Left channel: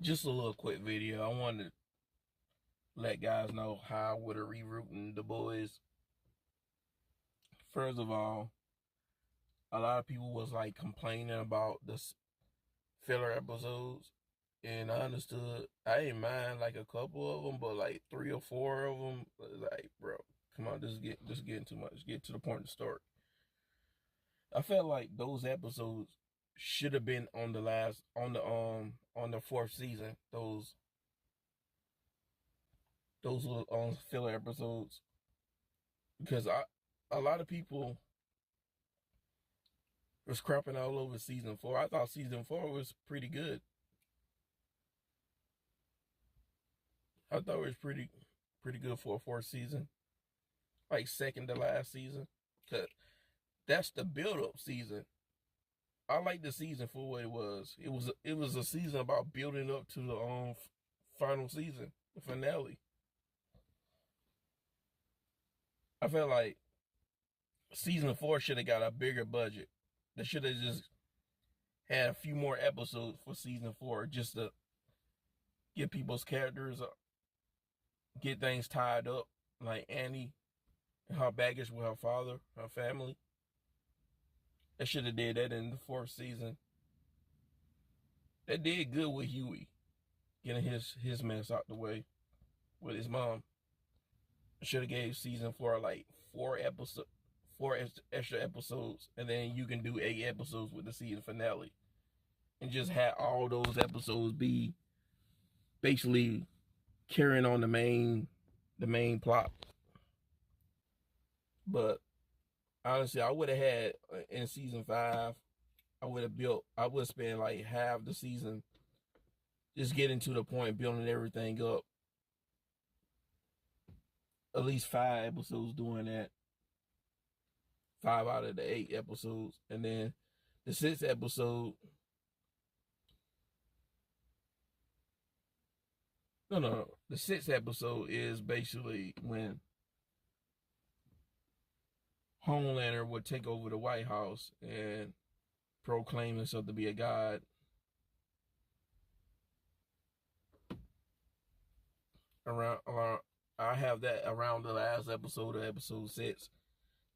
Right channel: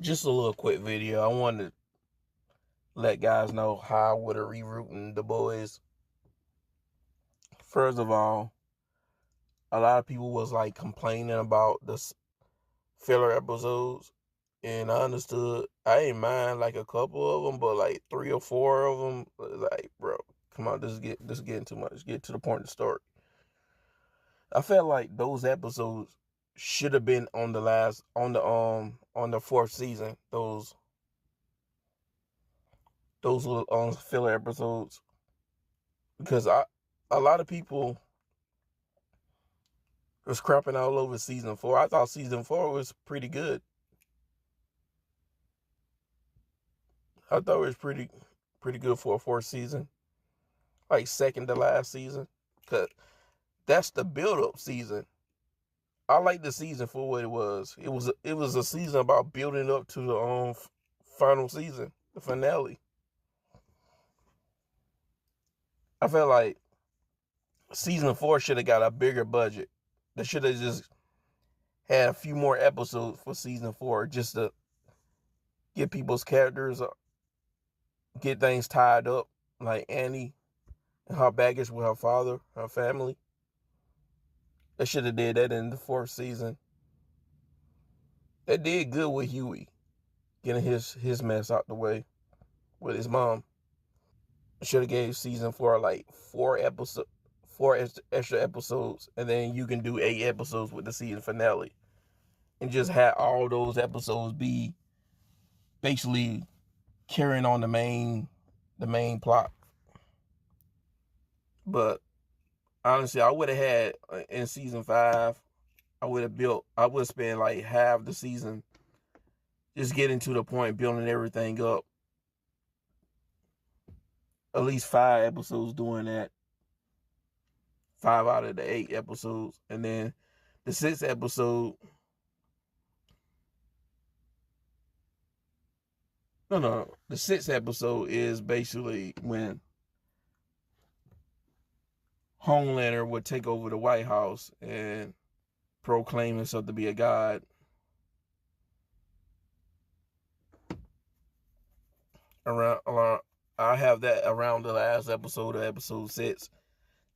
Just a little quick video. I wanted to let guys know how I would have rewritten the boys. First of all, a lot of people was like complaining about the filler episodes, and I understood. I ain't mind like a couple of them, but like 3 or 4 of them, like bro, come on, this getting too much. Get to the point of the story. I felt like those episodes should have been on the last on the fourth season. Those little filler episodes, because a lot of people was crapping all over season 4. I thought season 4 was pretty good. I thought it was pretty good for a fourth season, like second to last season, cause that's the build up season. I like the season for what it was. It was a season about building up to the final season, the finale. I felt like season 4 should have got a bigger budget. They should have just had a few more episodes for season 4, just to get people's characters, get things tied up, like Annie and her baggage with her father, her family. They should have did that in the fourth season. They did good with Huey, getting his mess out the way with his mom. Should have gave season 4 like 4 extra episodes, and then you can do 8 episodes with the season finale, and just have all those episodes be basically carrying on the main plot. But honestly, I would have had in season 5. I would spend like half the season just getting to the point, building everything up. At least 5 episodes doing that. 5 out of the 8 episodes. And then the sixth episode, no. The sixth episode is basically when Homelander would take over the White House and proclaim himself to be a god. Around I have that around the last episode of episode 6.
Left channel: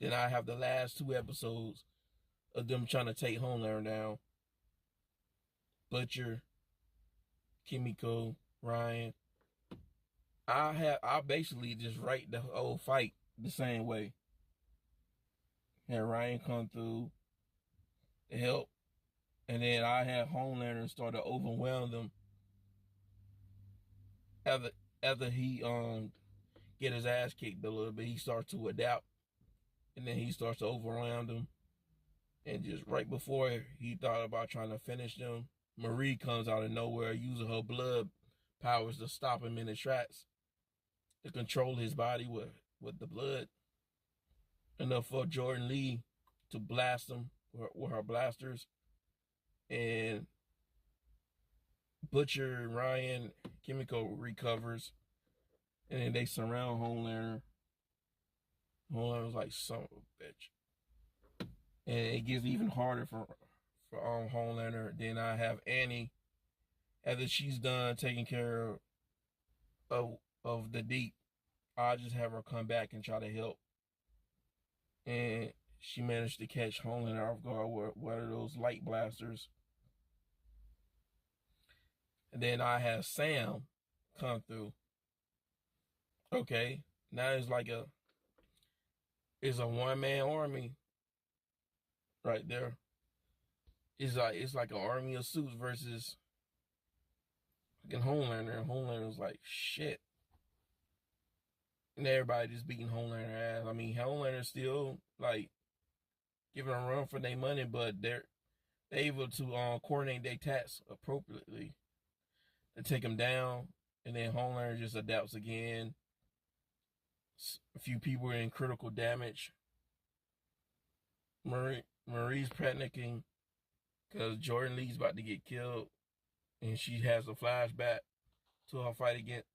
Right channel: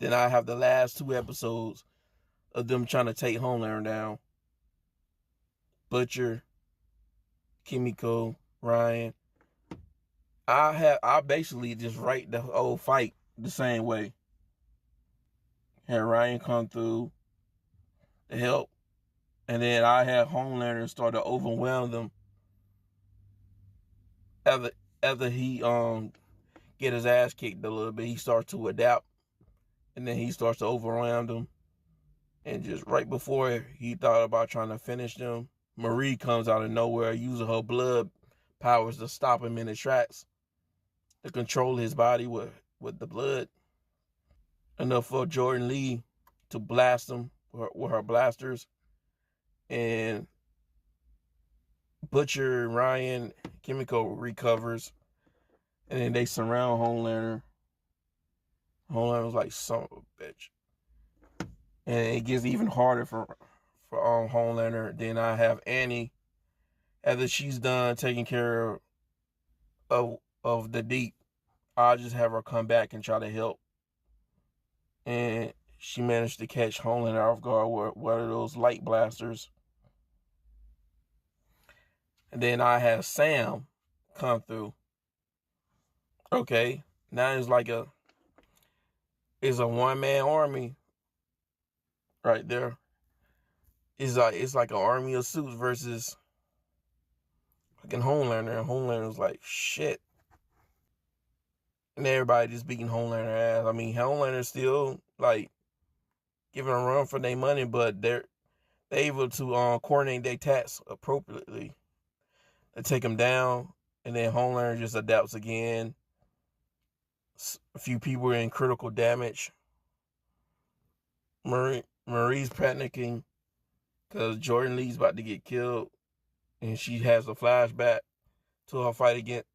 Then I have the last 2 episodes of them trying to take Homelander down. Butcher, Kimiko, Ryan. I basically just write the whole fight the same way. Had Ryan come through to help, and then I had Homelander start to overwhelm them after after he get his ass kicked a little bit. He starts to adapt, and then he starts to overwhelm them. And just right before he thought about trying to finish them, Marie comes out of nowhere using her blood powers to stop him in his tracks, to control his body with the blood. Enough for Jordan Lee to blast him with her blasters. And Butcher, Ryan, Kimiko recovers. And then they surround Homelander. Homelander's like, son of a bitch. And it gets even harder for Homelander. Then I have Annie, after she's done taking care of the deep, I'll just have her come back and try to help. And she managed to catch Homelander off guard with one of those light blasters. And then I have Sam come through. Okay, now it's a one-man army right there. It's like an army of suits versus fucking Homelander, and Homelander's like shit. And everybody just beating Homelander ass. I mean, Homelander's still like giving a run for their money, but they're able to coordinate their tasks appropriately. They take him down, and then Homelander just adapts again. A few people are in critical damage. Marie's panicking because Jordan Lee's about to get killed, and she has a flashback to her fight against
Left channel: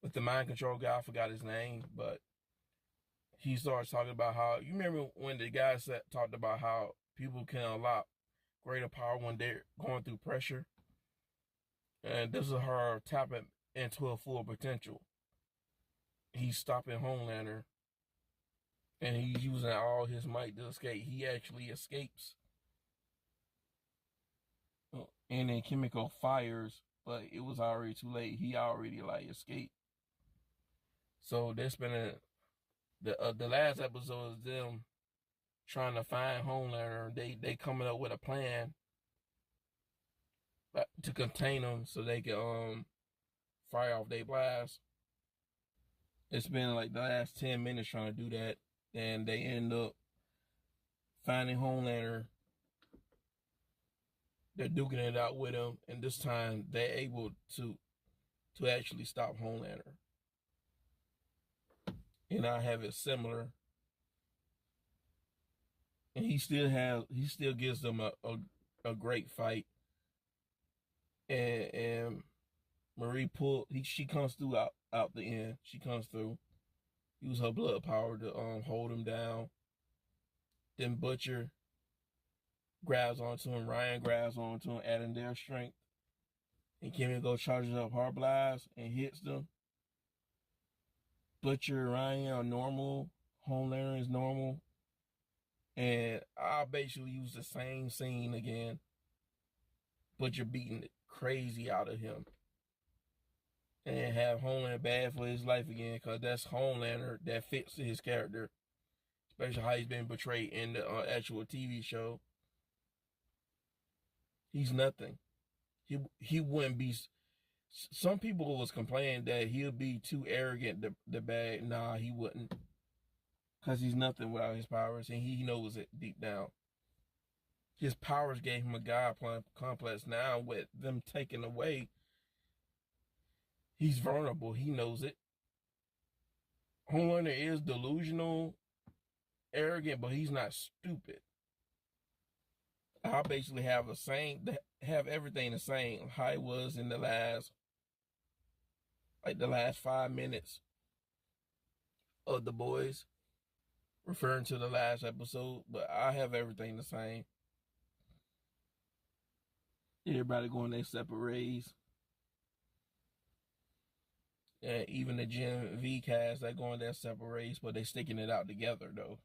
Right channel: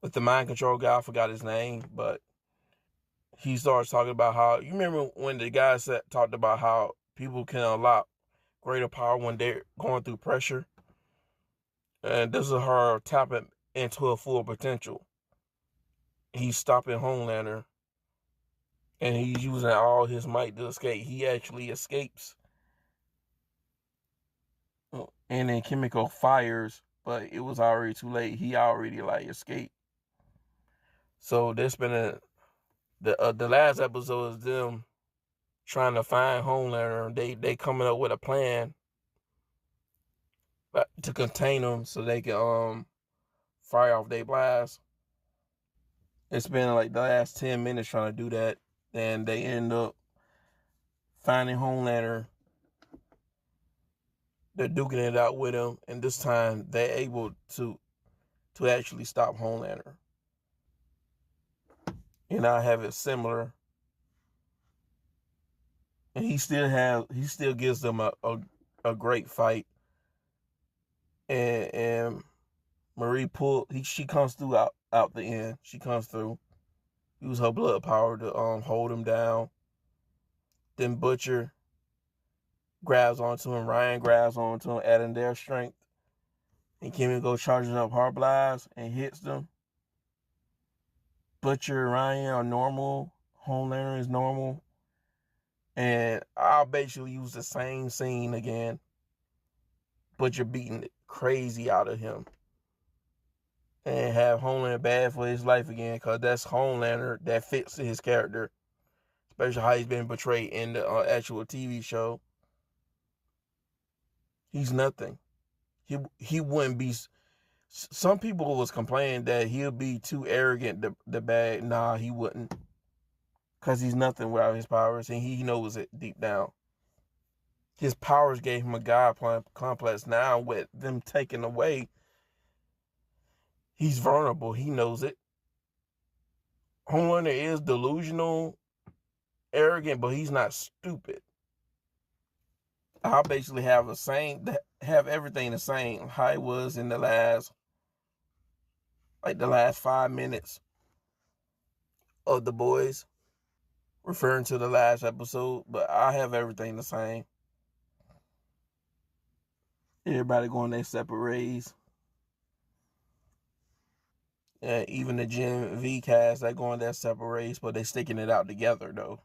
with the mind control guy. I forgot his name, but he starts talking about how, you remember when the guy talked about how people can unlock greater power when they're going through pressure. And this is her tapping into her full potential. He's stopping Homelander, and he's using all his might to escape. He actually escapes, and then Chemical fires, but it was already too late. He already like escaped. So there's been the last episode is them trying to find Homelander. They coming up with a plan to contain him so they can fire off their blast. It's been like the last 10 minutes trying to do that, and they end up finding Homelander. They're duking it out with him, and this time they're able to actually stop Homelander. And I have it similar, and he still gives them a great fight. And Marie she comes through out the end. She comes through, use her blood power to hold him down. Then Butcher grabs onto him, Ryan grabs onto him, adding their strength. And Kimiko charges up her blast and hits them. Butcher and Ryan are normal. Homelander is normal. And I'll basically use the same scene again. Butcher beating the crazy out of him. And have Homelander bad for his life again, because that's Homelander that fits his character. Especially how he's been portrayed in the actual TV show. He's nothing. He wouldn't be. Some people was complaining that he'll be too arrogant to bag. Nah, he wouldn't. Because he's nothing without his powers, and he knows it deep down. His powers gave him a God complex. Now, with them taken away, he's vulnerable. He knows it. Homelander is delusional, arrogant, but he's not stupid. I'll basically have everything the same how it was in the last 5 minutes of The Boys, referring to the last episode, but I have everything the same. Everybody going their separate ways. And even the Gen V cast, they going their separate ways, but they sticking it out together though.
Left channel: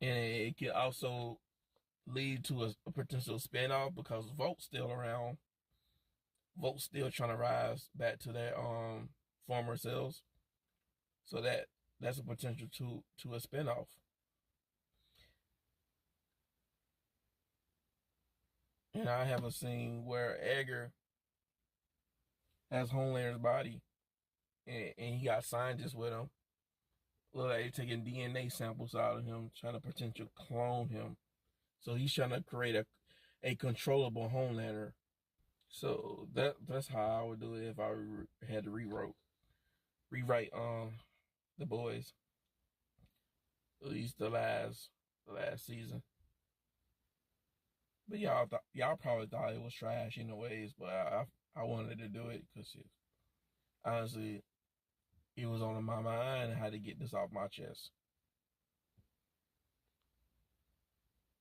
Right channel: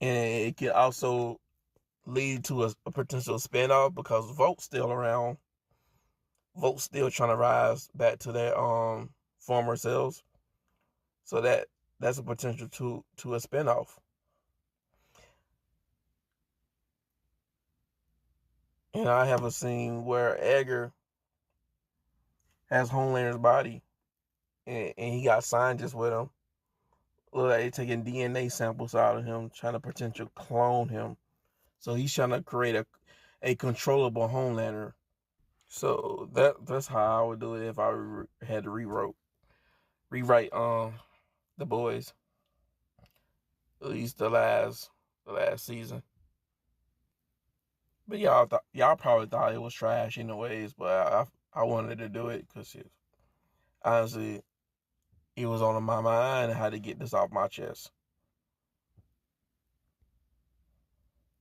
And it can also lead to a potential spinoff because Volt's still around. Volt's still trying to rise back to their former selves. So that's a potential to a spinoff. And I have a scene where Edgar has Homelander's body, and he got scientists with him. Look like they're taking DNA samples out of him, trying to potentially clone him. So he's trying to create a controllable Homelander. So that's how I would do it if I had to rewrite The Boys, at least the last season. But y'all probably thought it was trash in the ways, but I wanted to do it because honestly, it was on my mind. I had to get this off my chest.